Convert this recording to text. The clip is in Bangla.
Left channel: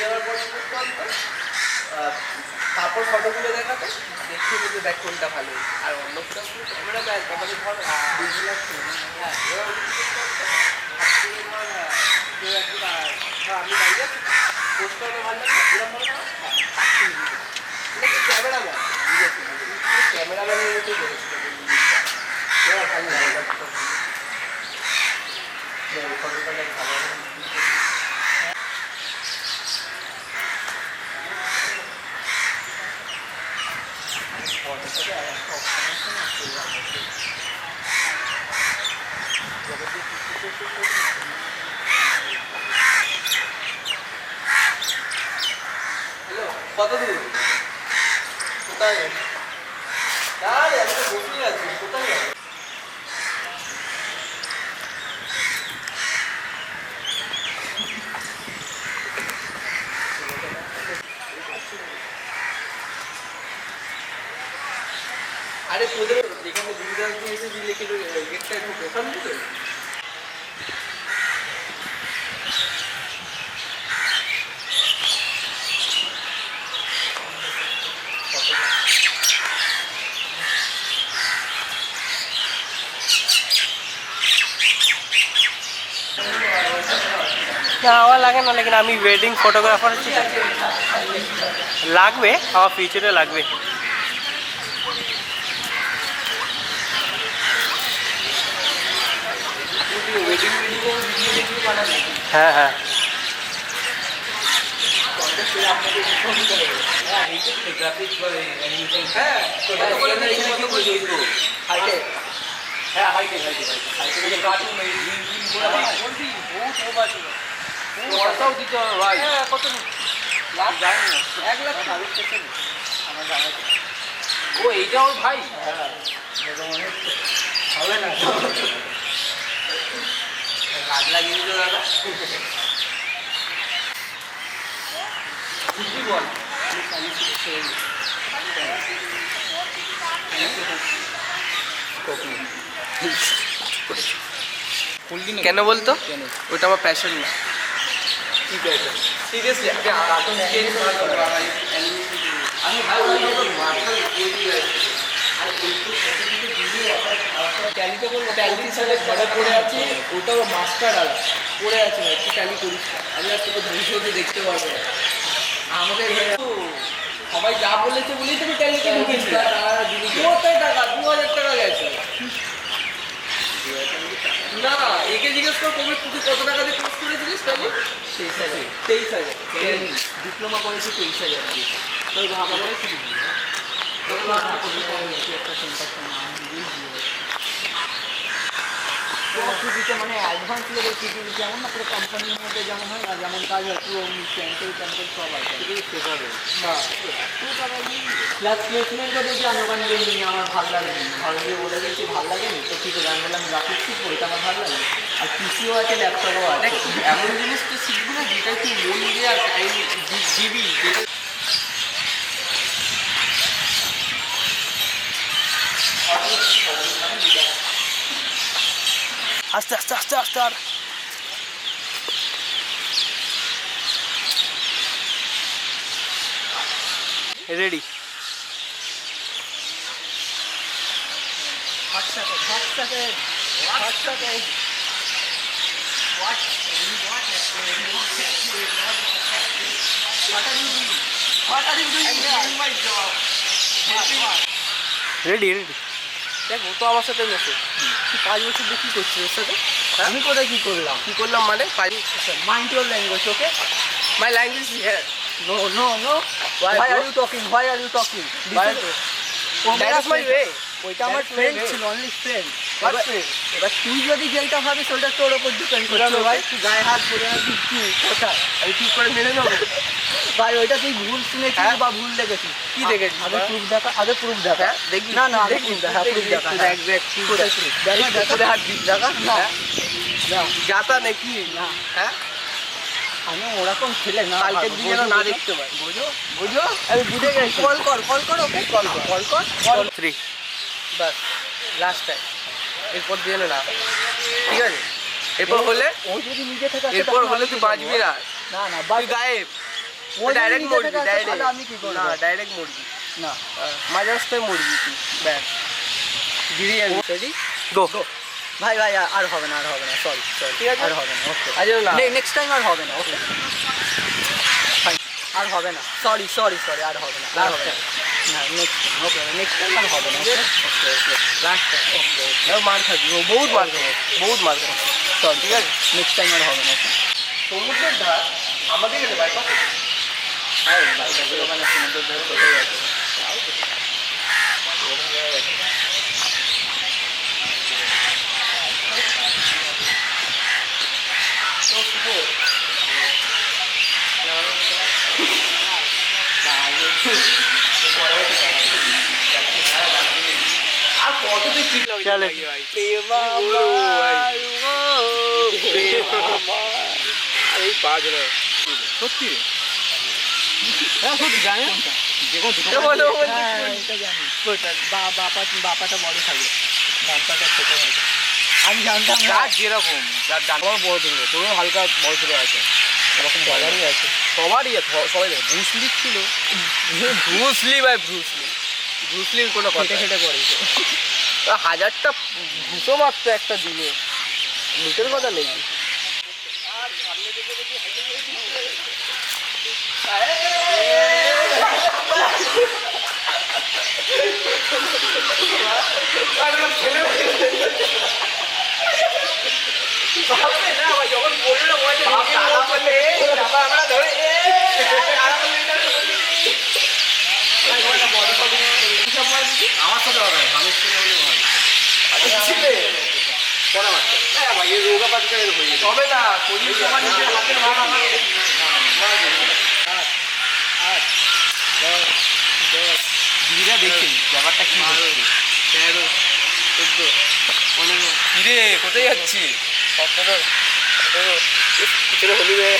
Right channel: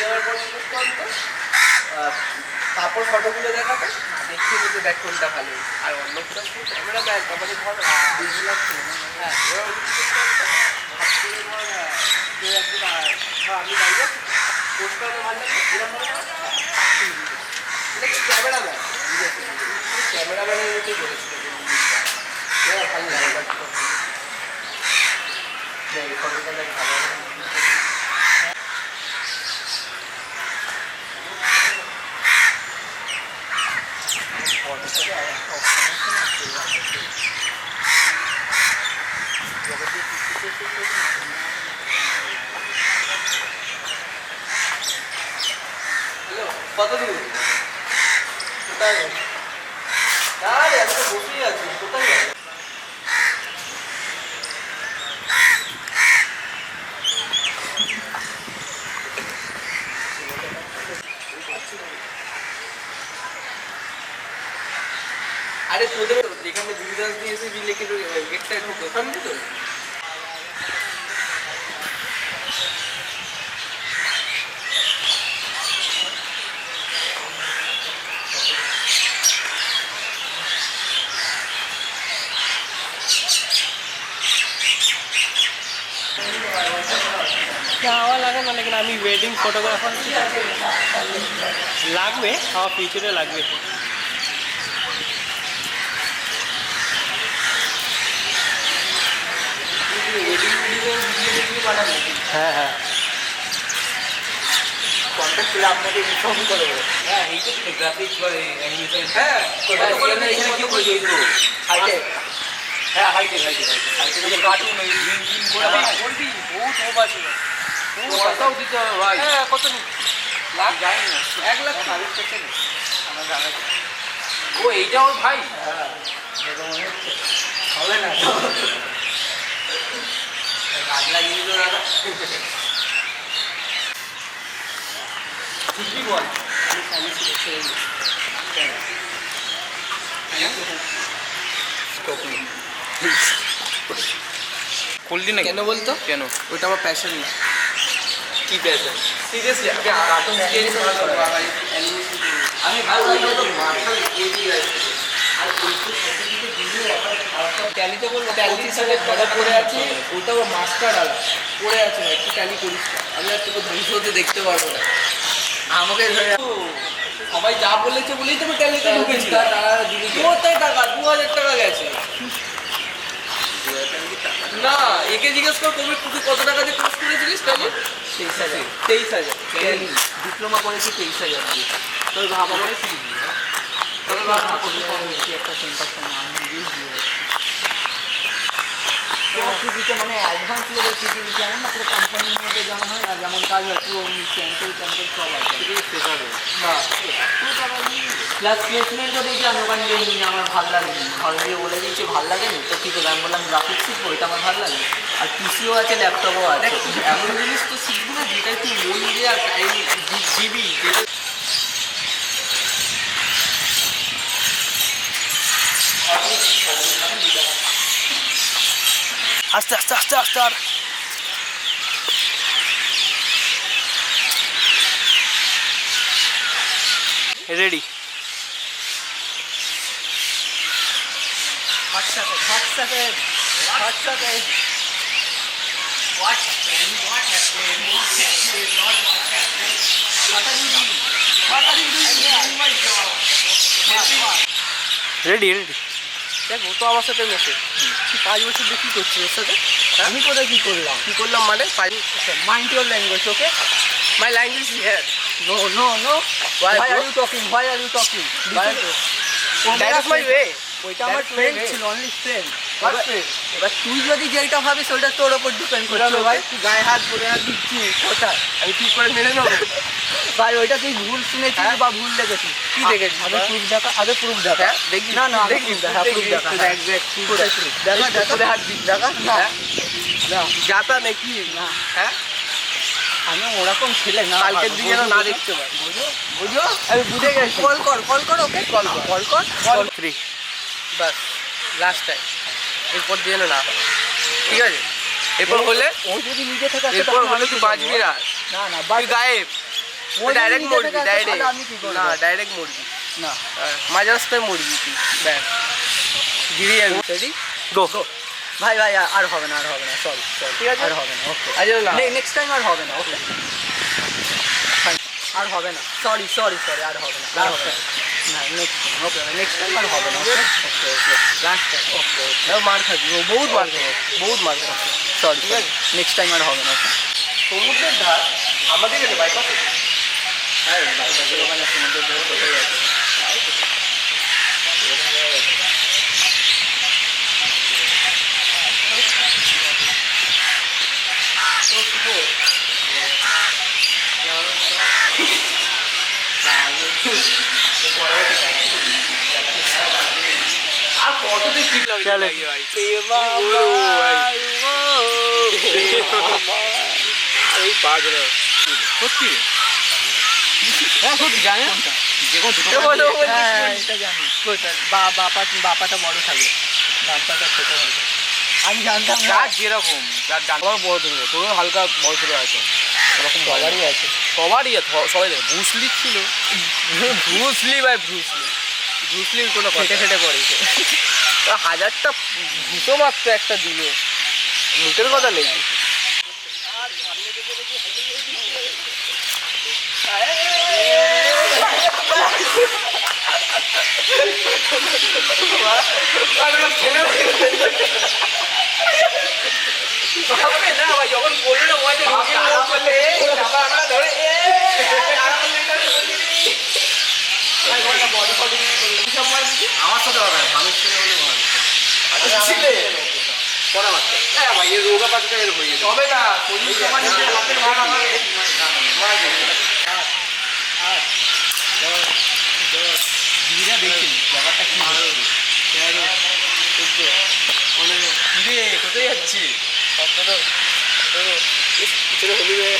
যাওয়ার পর তারপর ফটোগুলো দেখাবে, দেখে কিন্তু দেখ কোনটা ভালো। আর অন্য ক্যামেরা ব্যাগ আমাদের ধর হ্যাঁ আমি দাঁড়িয়ে পোস্ট করানো ভালো লাগে এরকম ক্যামেরা ম্যান ক্যামেরা ম্যানের মতোই বলেছিল ভালো লাগে ফটোটা দেখ ভালো হ্যালো কত দূর কোথায় আরে আমি তো বসেই আছি কোথায় যাবো আরে তোদের এখানে দুর্গাস দিয়ে এসে লিখে গেটটা ঢোকে ওখানে তো যাওয়া লাগে না, लेकिन আমি ওয়েডিং ফটোগ্রাফার লাগবে, আমার ফিউচারে লাগবে। হ্যাঁ হ্যাঁ কত লাখ যায় না 1 লাখ ও এইটা ওর ভাই হবে না গাছ লাগিয়ে দিল দাদা ঠিকই বল খুললি না কেন বলতো কেন ওইটা আমার প্যাশন না কি প্যাশন সিরিয়াসলি আমি ট্যালিতে বলবো ট্যালি সালে ঘরে পড়ে আছে ওটাও মাস্টার আলা পড়ে আছে ভাই তুই ট্যালি করিস না আমি আর তোকে ভবিষ্যতে দেখতে পারবো না আমাকে সবাই যা বলেছে বলেই তুমি ট্যালিতে ঢুকেছি কোথায় টাকা 2000 টাকা গেছে না একে জিজ্ঞেস কর কবি তুই কত টাকা দিয়ে কোর্স করেছিলিস ট্যালি 23000 ডিপ্লোমা করেছি 23000 তোর ভাবা করে কি একটা সেন্টারটা নাম দিয়ে দিতে মানে অ্যাডভান্স লেভেল সিকিউরিটি যেমন না পুরো কোম্পানির মধ্যে যেমন হয় না যেমন কাজ হয় পুরো স্যাম্পল সব আছে শেখাবে না প্লাস প্লেসমেন্টও দেখি আমি ওখানে নিয়ে আমার ভালো লাগেনি ঘর দিয়ে বলে দিয়েছি ভালো লাগেনি তো কী করে আমি বললাম গ্রাফিক্স শিখবো ওইটা আমার ভালো লাগে আর পিসিও আছে ল্যাপটপও আছে এমন জিনিস তো শিখবি না যেটাই তুই মন দিয়ে আর টাইম দিবি যেটা আস্তে আস্তে আস্তে আস্তে আর রেডি রেডি রেডি দেখ ও তো আমার সাথে মেশে তুই 5 বছর দিয়ে কী করছিস ওর সাথে আমি কোথায় কী করলাম মানে mind your language okay my language is here no no no why are you talking that is my way ওইটা আমার ফ্রেন্ড ছিল অনলি ফ্রেন্ড এবার তুই যদি যেটা ভাবিস ওটা তোর ওপর ডিপেন্ড করছে ভাই তুই গায়ে হাত পরে আর দিচ্ছিস কোথায় আমি ঠিক করে মেনে নেবো ভাই ওইটা তুই ভুল শুনেছিস বা ভুল দেখেছিস কি দেখেছিস আগে প্রুফ দেখা দেখবি না না দেখবি প্রুফ দেখা দেখা হাত দিস দেখা না যাতা নাকি না হ্যাঁ আমি ওরকম ছেলে না কালকের দিন যেন না দেখতে পাই বুঝো আমি বুঝে গেছি কল কর ওকে কল কর 3 বাস লাস্ট টাইম এরপর দিয়ে না ঠিক আছে এরপর হলে ও যদি নিজে থেকে এরপর হলে তুই বাঁচবি না না না তুই গায়েব। ডাইরেক্ট মরবি, ডাইরেক্ট। আমি কি করব? না, ডাইরেক্ট মরবি। না মাঝ রাস্তায় মরবি তুই, ব্যাস গিরি যাবি। Ready go. ভাই ভাই আর হবে না, আর হবে না, সরি সরি, ঠিক আছে? আর হবে না, ওকে আচ্ছা না, নেক্সট টাইম আর হবে না, ওকে আর হবে না, সরি সরি সরি, আর হবে না, আর হবে না, না next time, okay next time আর হবে না, ওকে ওকে ওকে লাস্ট টাইম, ওকে এবার মার খাবি, ও বহুত মার খাবি, বহুত মার খাবি। সরি ঠিক আছে? নেক্সট টাইম আর হবে না, ওকে সমুদ্রের ধার আমাদের এখানে বাইপাস আছে। হ্যাঁ বাইপাসের ওখানে সমুদ্রের ধারে কোথায় আছে? আর কত তুই ফিট লাগে চলে। ভাই। প্রেমা বলবো ভাই? আমার। আর এই পা গেল সত্যি রে? হ্যাঁ সত্যি জানি যে কোনো দুটো বলো হ্যাঁ এটা জানি বাপাটা বড় থাকে, ডানপাটা ছোট হবে। আমি জানতাম না। যার যেরকম, যার ডান বড় ছিল, তোরও হালকা বড় ছোট আছে, ওরকম সবারই আছে। সবারই আছে, সবাই দেখে ব্রুসলি ছিল। ব্রুসলি ভাই, ব্রুসলি, ব্রুসলির কোনো কথা খেটে খেটে পড়েছে। তা 1000টা ঘুষো মারতো একটা দিনে, মুখের কথা নেই। যখন বললো আমরা ধরে আমার সাথে হবে মানুষ ছেলে হলে ভালো ছিলে পড়া বাচ্চা। হ্যাঁ ভাই, এর রোগা পাতকা এর হয়ে যেত। তবে না শরীর সমান নিজের হাতের ভাগ আমার দিদিরা দেখছেন ব্যাপারটা কি হচ্ছে। 13, 14, 15, কিরে কোথায় যাচ্ছি? 17, 18, পিছনে হলি রে।